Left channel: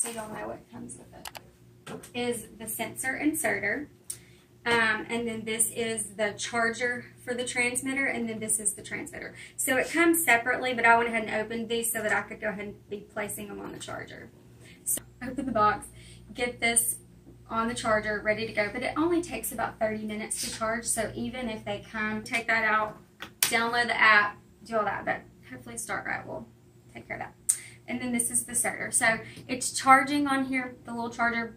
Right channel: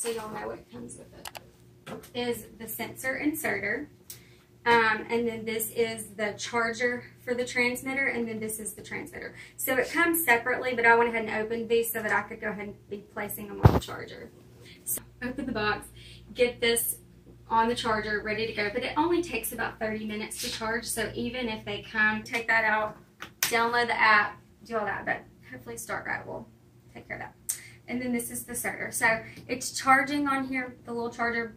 so y'all know what comes with it, is the sensor inserter. And then this is the charger for the transmitter, and then this is the transmitter. So it comes separately, but I went ahead and opened these so that I could go ahead and be placing them on the charger. So open the box, get this on the charger, ready to go. But it only takes about 30 minutes to charge, so even if they come, take that out, download the app, do all that, but hopefully StartRite will take care of that. And then this is the inserter. So it's charging on here, the little charger.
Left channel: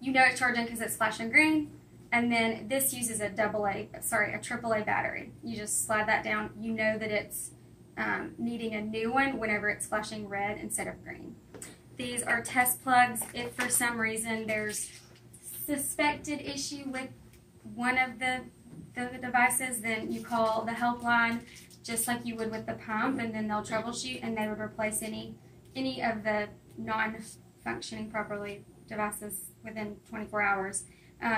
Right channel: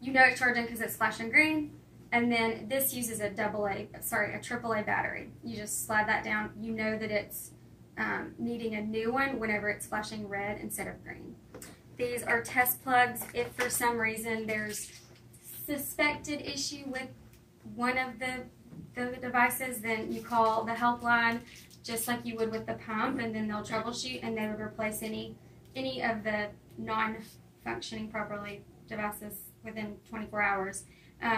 You know it's charging because it's flashing green. And then this uses a AAA battery. You just slide that down. You know that it's needing a new one whenever it's flashing red instead of green. These are test plugs. If for some reason there's suspected issue with one of the devices, then you call the helpline just like you would with the pump, and then they'll troubleshoot and they would replace any of the non-functioning properly devices within 24 hours.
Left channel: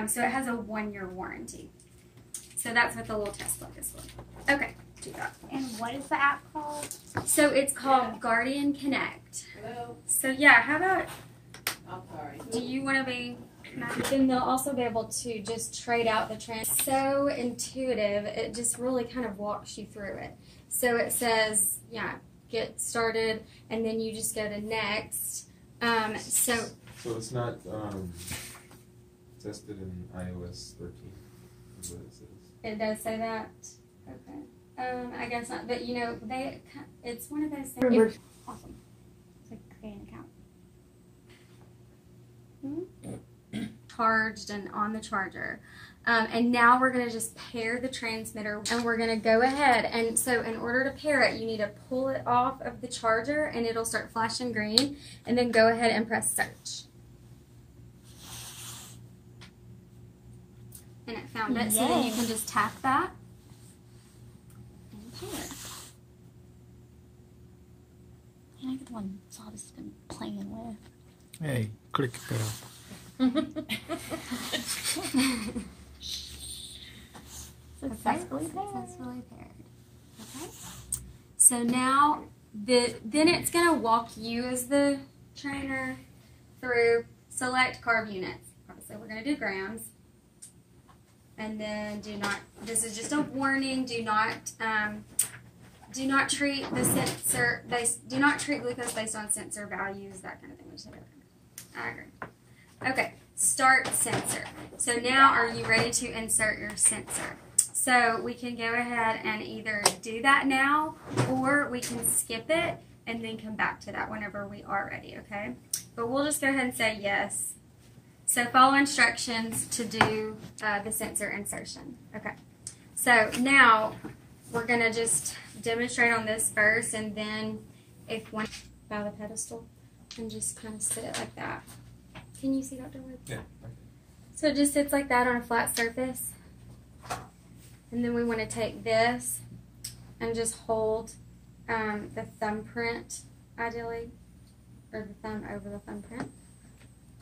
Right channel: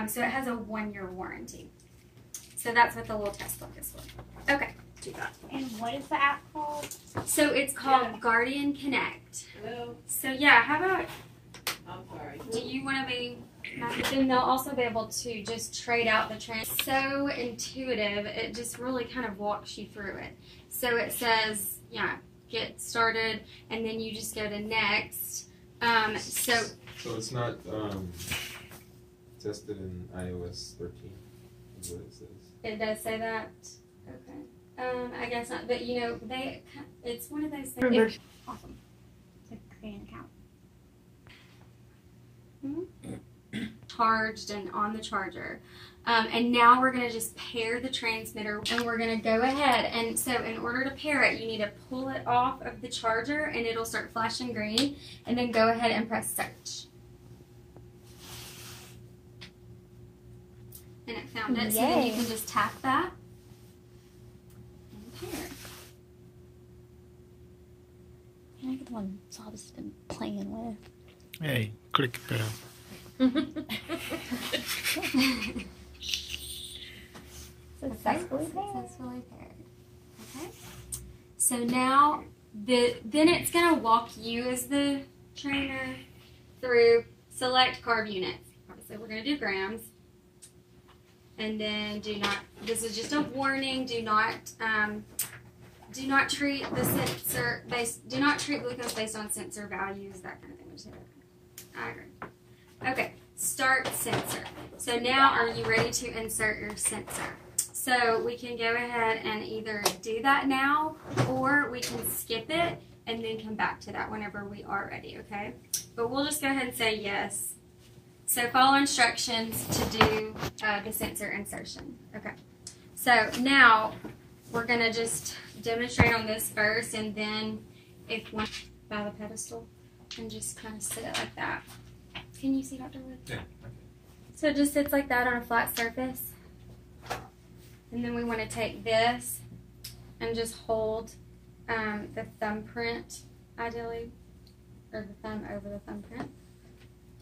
So it has a 1-year warranty. So that's what the little test plug is for. Okay, do that. And what is the app called? So it's called Guardian Connect. Hello? So yeah, how about, I'm sorry. do you want to be, then they'll also be able to just trade out the trans. So intuitive, it just really kind of walks you through it. So it says, yeah, get started, and then you just go to next. So it's not tested in iOS 13, is what it says. It does say that? Okay. I guess not, but you know, it's one of those things. Awesome. To create an account. Charged and on the charger. And now we're going to just pair the transmitter, and we're going to go ahead. And so in order to pair it, you need to pull it off of the charger and it'll start flashing green, and then go ahead and press search. And it found it, so then you can just tap that and pair. Can I get the one Saul has been playing with? Hey, click it better. Successfully paired. Successfully paired. Okay. So now then it's gonna walk you as the trainer through select carb units. Obviously we're gonna do grams. And then this is just a warning, do not treat the sensor do not treat glucose based on sensor values, that kind of thing. I agree. Okay, start sensor. So now are you ready to insert your sensor? So we can go ahead and either do that now, or we can skip it and then come back to that whenever we are ready, okay? But we'll just go ahead and say yes. So follow instructions to do the sensor insertion. Okay. So now we're going to just demonstrate on this first, and then if one by the pedestal and just kind of sit it like that. Can you see, Dr. Wood? Yeah. So it just sits like that on a flat surface. And then we want to take this and just hold the thumbprint, ideally, or the thumb over the thumbprint.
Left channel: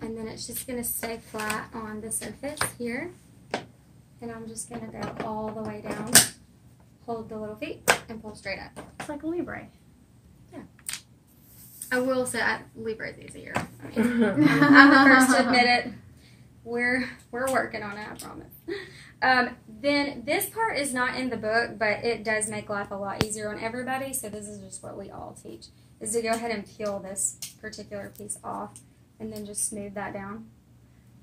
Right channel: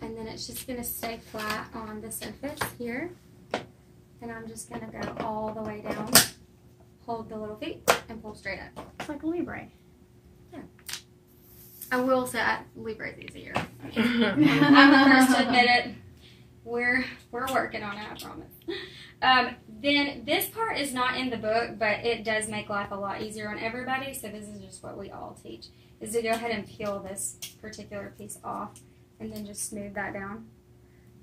And then it's just going to stay flat on the surface here. And I'm just going to go all the way down, hold the little feet, and pull straight up. It's like a Libre. Yeah. I will say Libre is easier. I mean, I'm the first to admit it. We're working on it, I promise. Then this part is not in the book, but it does make life a lot easier on everybody. So this is just what we all teach, is to go ahead and peel this particular piece off and then just smooth that down.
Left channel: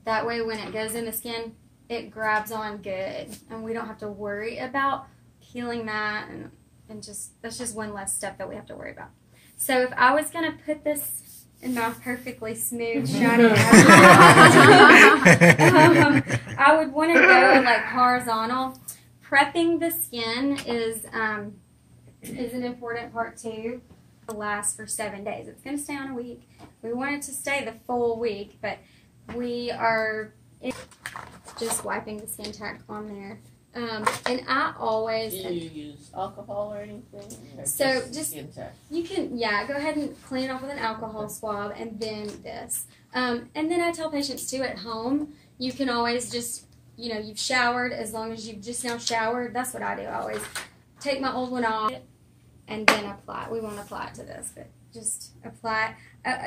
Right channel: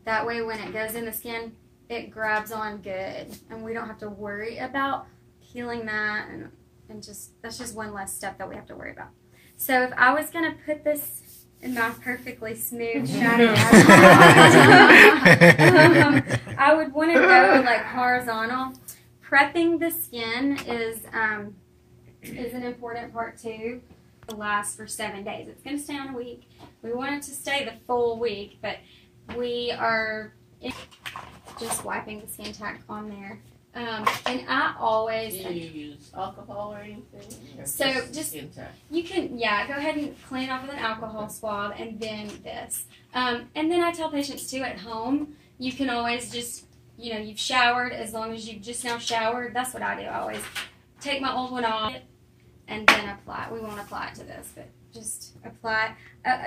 That way when it goes in the skin, it grabs on good, and we don't have to worry about peeling that, and just that's just one less step that we have to worry about. So if I was going to put this in my perfectly smooth, shiny I would want to go like horizontal. Prepping the skin is an important part too. It'll last for 7 days. It's going to stay on a week. We want it to stay the full week, but we are just wiping the skin tack on there. And I always... Do you use alcohol or anything? Or so just skin tack? You can, yeah, go ahead and clean it off with an alcohol swab, and then this. And then I tell patients too at home, you can always just, you know, you've showered, as long as you've just now showered, that's what I do. I always take my old one off and then apply. We won't apply it to this, but just apply,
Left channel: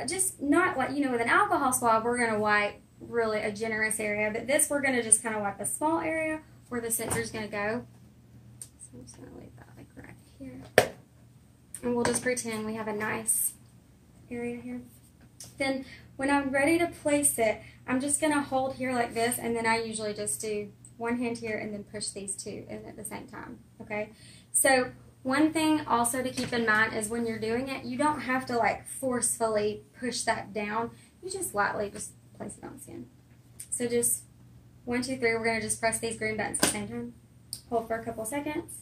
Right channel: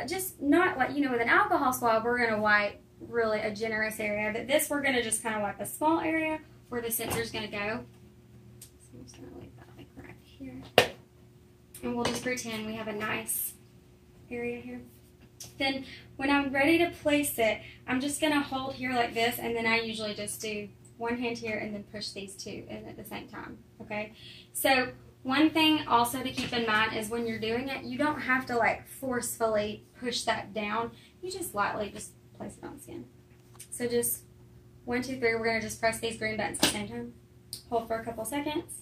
just not like, with an alcohol swab, we're going to wipe really a generous area, but this we're going to just kind of wipe a small area where the sensor is going to go. So I'm just going to leave that like right here. And we'll just pretend we have a nice area here. Then when I'm ready to place it, I'm just going to hold here like this, and then I usually just do one hand here and then push these two in at the same time, okay? So one thing also to keep in mind is when you're doing it, you don't have to like forcefully push that down. You just lightly just place it on the skin. So just 1, 2, 3, we're going to just press these green buttons at the same time. Hold for a couple seconds,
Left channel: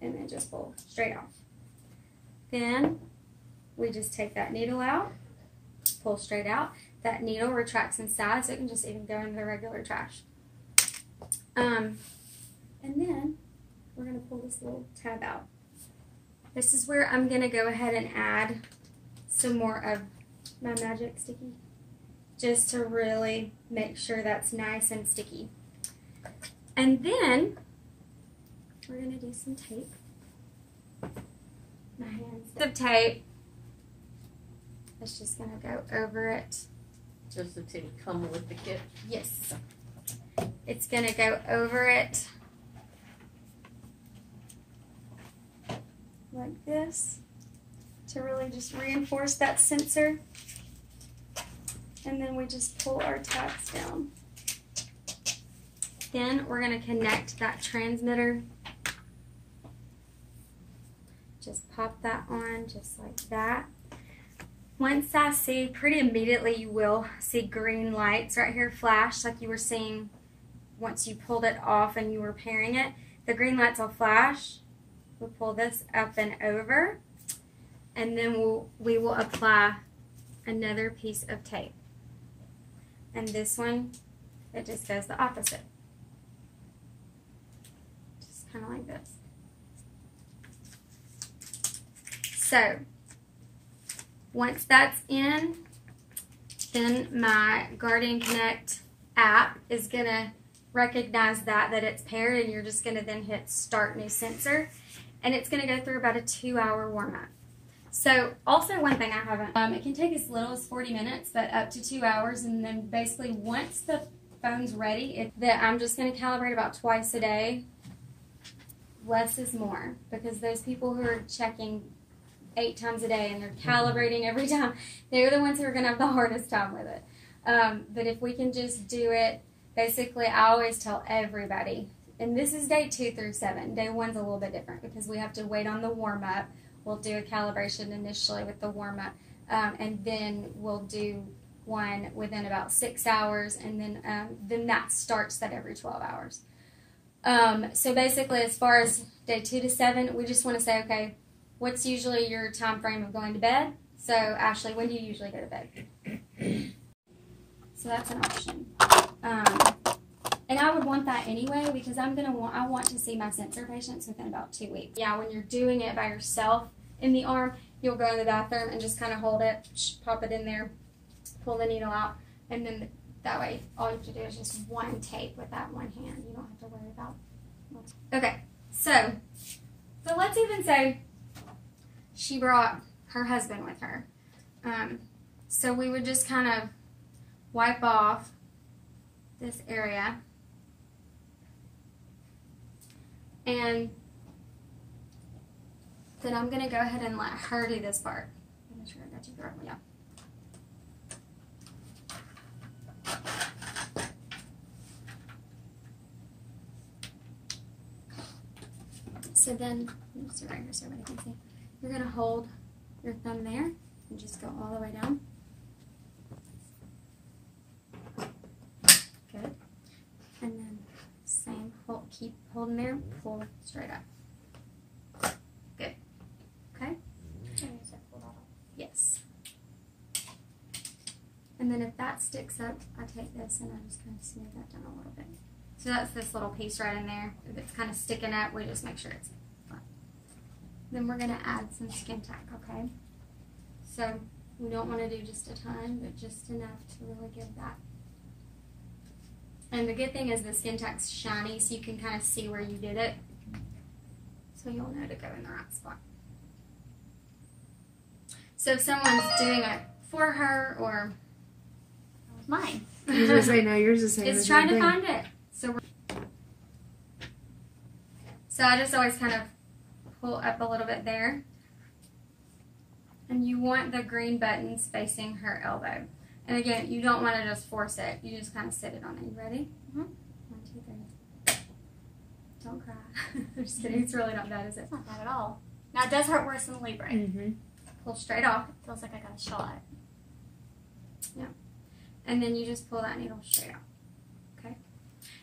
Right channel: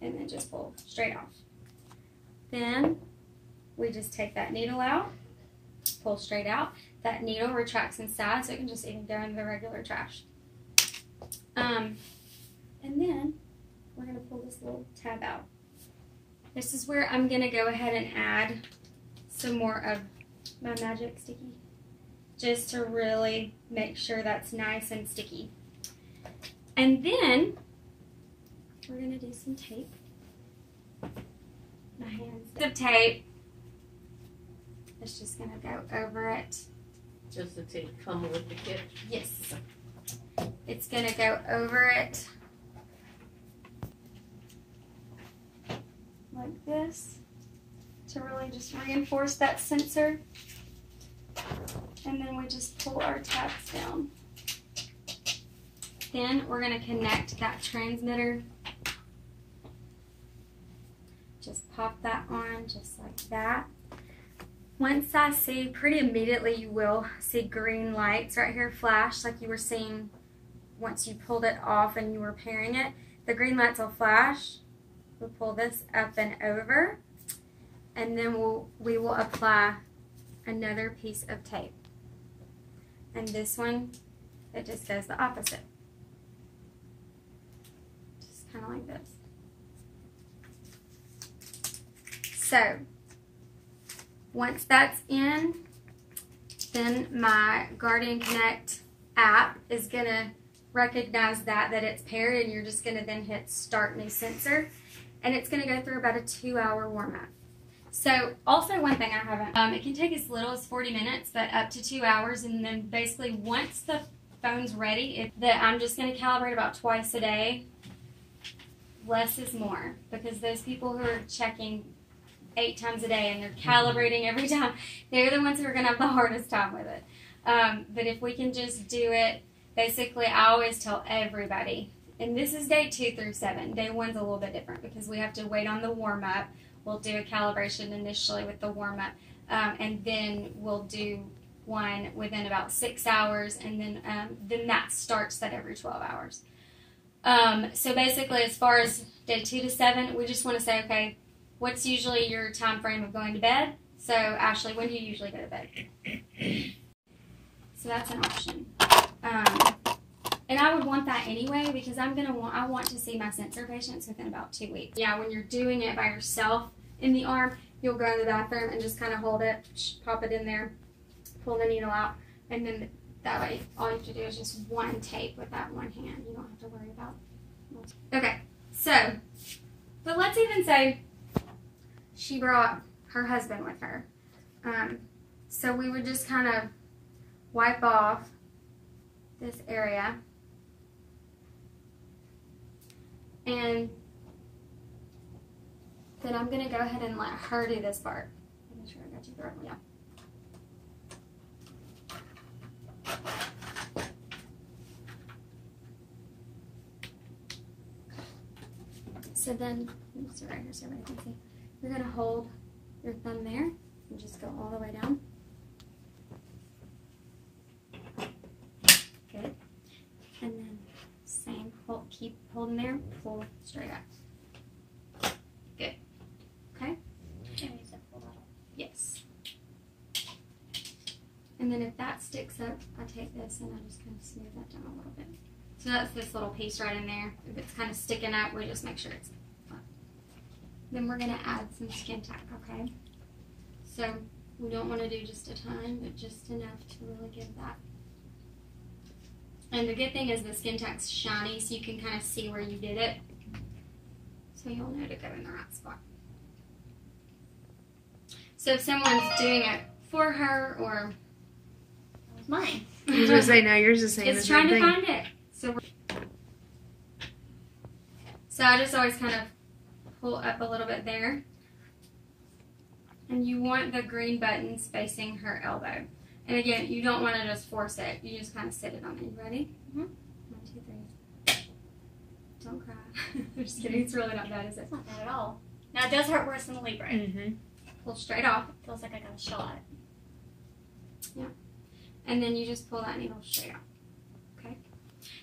and then just pull straight off. Then we just take that needle out, pull straight out. That needle retracts inside, so it can just even go in the regular trash. And then we're going to pull this little tab out. This is where I'm going to go ahead and add some more of my magic sticky, just to really make sure that's nice and sticky. And then we're going to do some tape. My hands. The tape. It's just going to go over it. Does the tape come with the kit? Yes. It's going to go over it like this to really just reinforce that sensor. And then we just pull our tabs down. Then we're going to connect that transmitter. Just pop that on just like that. Once I see, pretty immediately you will see green lights right here flash like you were seeing once you pulled it off and you were pairing it. The green lights will flash. We'll pull this up and over, and then we will apply another piece of tape. And this one, it just goes the opposite. Just kind of like this. So once that's in, then my Guardian Connect app is going to recognize that it's paired, and you're just going to then hit Start New Sensor, and it's going to go through about a 2-hour warm-up. So also one thing I haven't, it can take as little as 40 minutes, but up to 2 hours, and then basically once the phone's ready, I'm just going to calibrate about twice a day. Less is more, because those people who are checking 8 times a day and they're calibrating every time, they're the ones who are going to have the hardest time with it. But if we can just do it, basically I always tell everybody, and this is day 2 through 7. Day 1's a little bit different because we have to wait on the warm-up. We'll do a calibration initially with the warm-up, and then we'll do one within about 6 hours, and then that starts that every 12 hours. So basically, as far as day 2 to 7, we just want to say, okay, what's usually your time frame of going to bed? So Ashley, when do you usually go to bed? So that's an option. And I would want that anyway, because I want to see my sensor patients within about 2 weeks. Yeah, when you're doing it by yourself in the arm, you'll go in the bathroom and just kind of hold it, pop it in there, pull the needle out, and then that way all you have to do is just one tape with that one hand. You don't have to worry about it. Okay, so let's even say she brought her husband with her. So we would just kind of wipe off this area. And then I'm going to go ahead and let her do this part. Make sure I got you correctly. Yeah. So then, let's right here so everybody can see. You're going to hold your thumb there and just go all the way down. Good. And then same, keep holding there, pull straight up. Good. Okay? Yes. And then if that sticks up, I take this and I just kind of smooth that down a little bit. So that's this little piece right in there. If it's kind of sticking up, we just make sure it's flat. Then we're going to add some skin tack, okay? So we don't want to do just a ton, but just enough to really give that. And the good thing is the skin tack's shiny, so you can kind of see where you did it. So you'll know to go in the right spot. So if someone's doing it for her or That was mine. I was gonna say, no, yours is saying it's the trying same to thing. find it. So I just always kind of pull up a little bit there. And you want the green buttons facing her elbow. And again, you don't want to just force it. You just kind of sit it on it. You ready? Mhm. 1, 2, 3. Don't cry. I'm just kidding. It's really not bad, is it? It's not bad at all. Now it does hurt worse than Libre. Mm-hmm. Pull straight off. Feels like I got a shot. And then you just pull that needle straight out. Okay?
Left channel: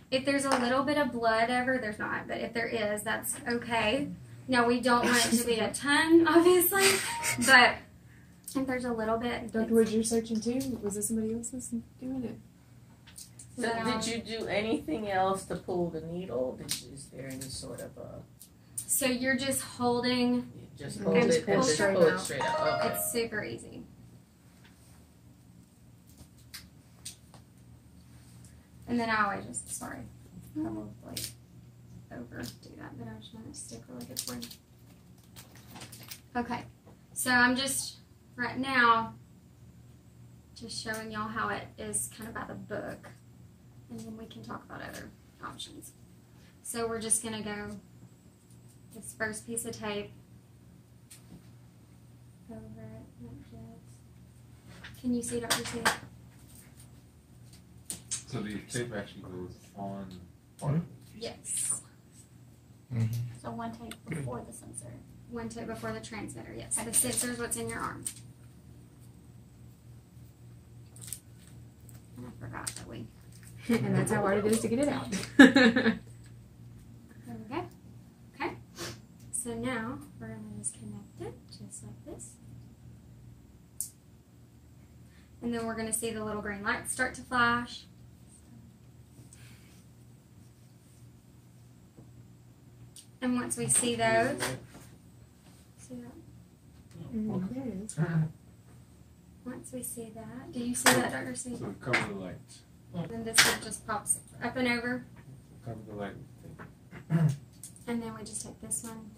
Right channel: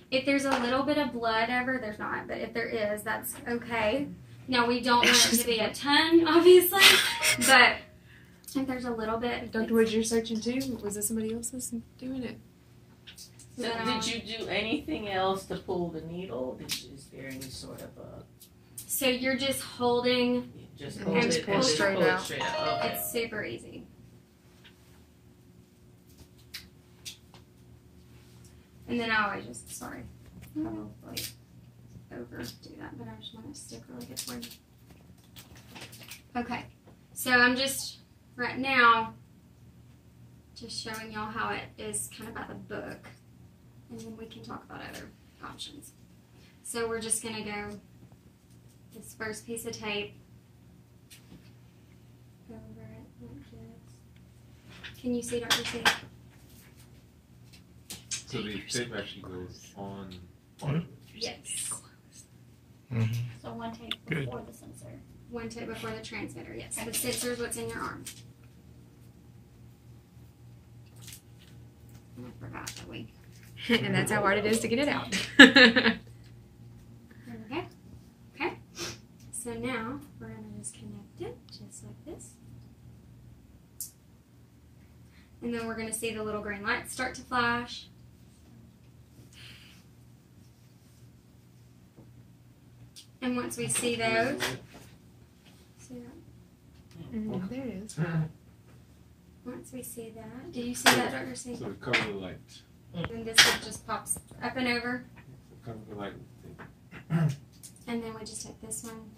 If there's a little bit of blood ever, there's not. But if there is, that's okay. Now, we don't want it to be a ton, obviously. But if there's a little bit. Dr. Woods, you're searching too? Was it somebody else that's doing it? So did you do anything else to pull the needle? Is there any sort of a... So you're just holding. Just And hold just it pull and just straight pull it out. straight out. Okay. It's super easy. And then I always just, sorry, probably overdo that, but I just want to stick really good for you. Okay, so I'm just, right now, just showing y'all how it is kind of by the book, and then we can talk about other options. So we're just going to go this first piece of tape over it like this. Can you see, Dr. C? So the tape actually goes on. Yes. Mm-hmm. So one tape Good. before the sensor. One tape before the transmitter, yes. The sensor is what's in your arm. And I forgot that we. And that's how hard it is to get it out. There we go. Okay. So now we're going to disconnect it just like this. And then we're going to see the little green lights start to flash. And once we see those, see that? There it is. Once we see that, do you see that, Dr. C? So cover the light. And this one just pops up and over. Cover the light. And then we just take this one.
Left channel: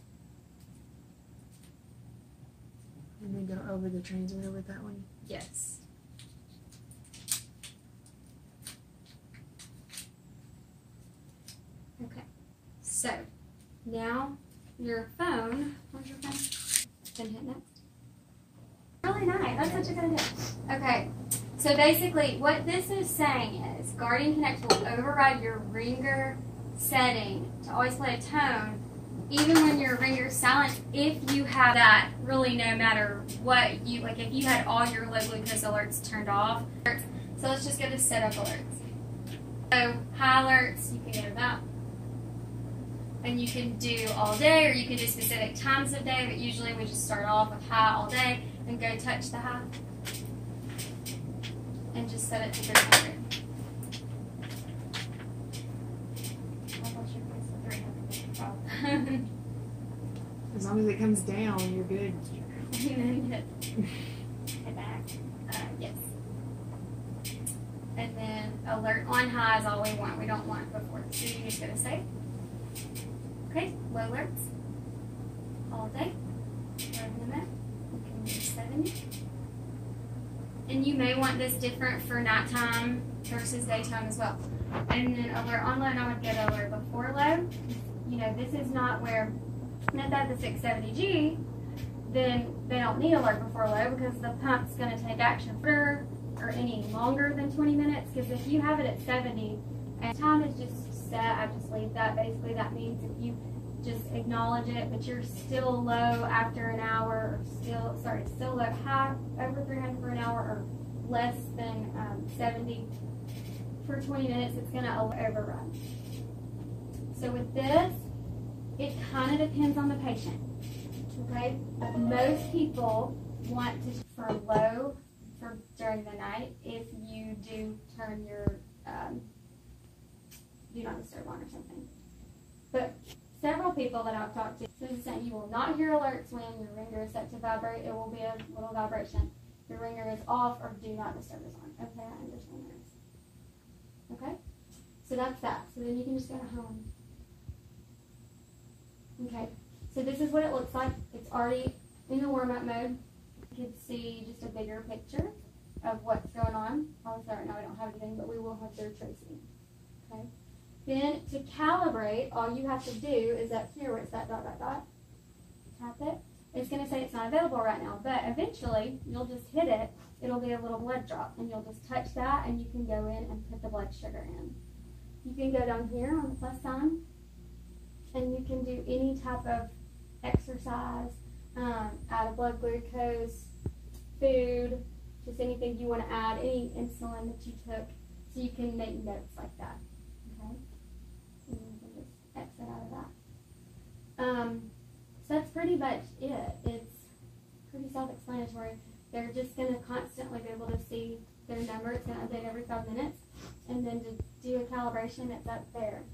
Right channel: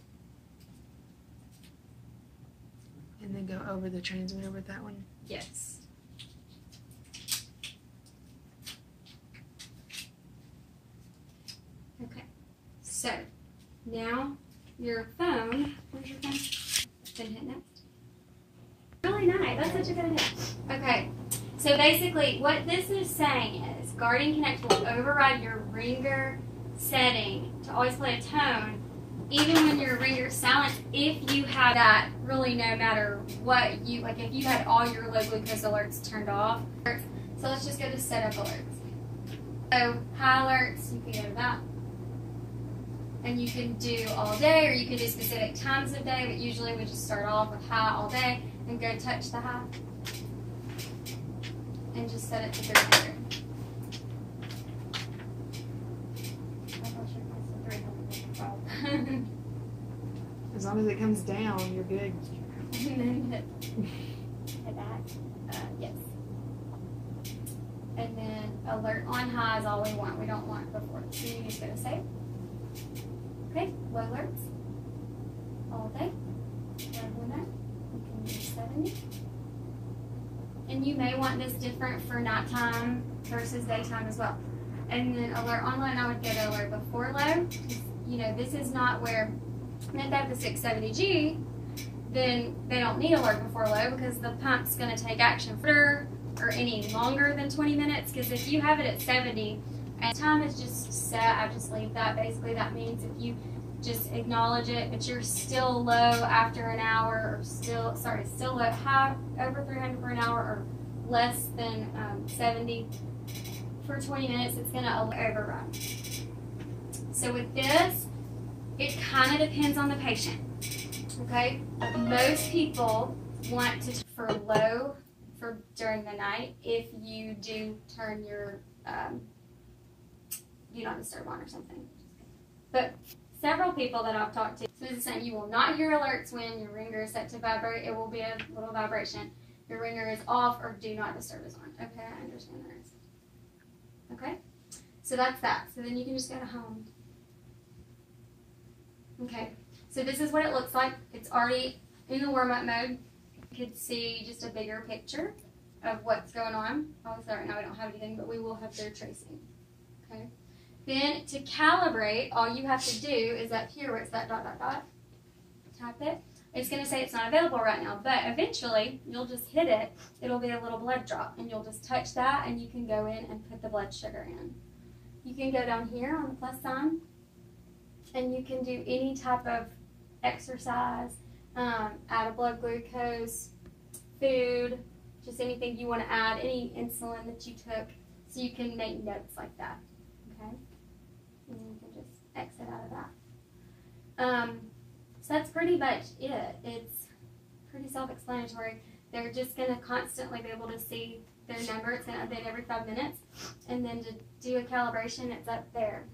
And then go over the transmitter with that one. Yes. Okay. So, now your phone, where's your phone? Then hit next. Really nice. That's such a good idea. Okay. So basically, what this is saying is Guardian Connect will override your ringer setting to always play a tone, even when your ringer is silent, if you have that really no matter what you, like if you had all your low glucose alerts turned off. So let's just go to setup alerts. So high alerts, you can go to that. And you can do all day, or you can do specific times of day, but usually we just start off with high all day and go touch the high. And just set it to 300. As long as it comes down, you're good. And then hit back. Yes. And then alert on high is all we want. We don't want before. So you just go to save. Okay, low alerts. All day. Over the map. You can do 70. And you may want this different for nighttime versus daytime as well. And then alert online, I would go to alert before low. You know, this is not where, and if they have the 670G, then they don't need alert before low because the pump's going to take action for or any longer than 20 minutes. Because if you have it at 70 and time is just set, I just leave that. Basically, that means if you just acknowledge it, but you're still low after an hour, or still low, high over 300 for an hour, or less than 70 for 20 minutes, it's going to overrun. So with this, it kind of depends on the patient. Okay, most people want to for low for during the night if you do turn your do not disturb on or something. But several people that I've talked to, this is saying you will not hear alerts when your ringer is set to vibrate. It will be a little vibration. Your ringer is off or do not disturb is on. Okay, I understand that. Okay, so that's that. So then you can just go to home. Okay, so this is what it looks like. It's already in the warm-up mode. You could see just a bigger picture of what's going on. Obviously right now we don't have anything, but we will have their tracing. Okay. Then to calibrate, all you have to do is up here where it's that dot, dot, dot, tap it. It's going to say it's not available right now, but eventually you'll just hit it. It'll be a little blood drop, and you'll just touch that, and you can go in and put the blood sugar in. You can go down here on the plus sign, and you can do any type of exercise, add a blood glucose, food, just anything you want to add, any insulin that you took, so you can make notes like that. Okay, and you can just exit out of that. So that's pretty much it. It's pretty self-explanatory. They're just going to constantly be able to see their number. It's going to update every 5 minutes. And then to do a calibration, it's up there.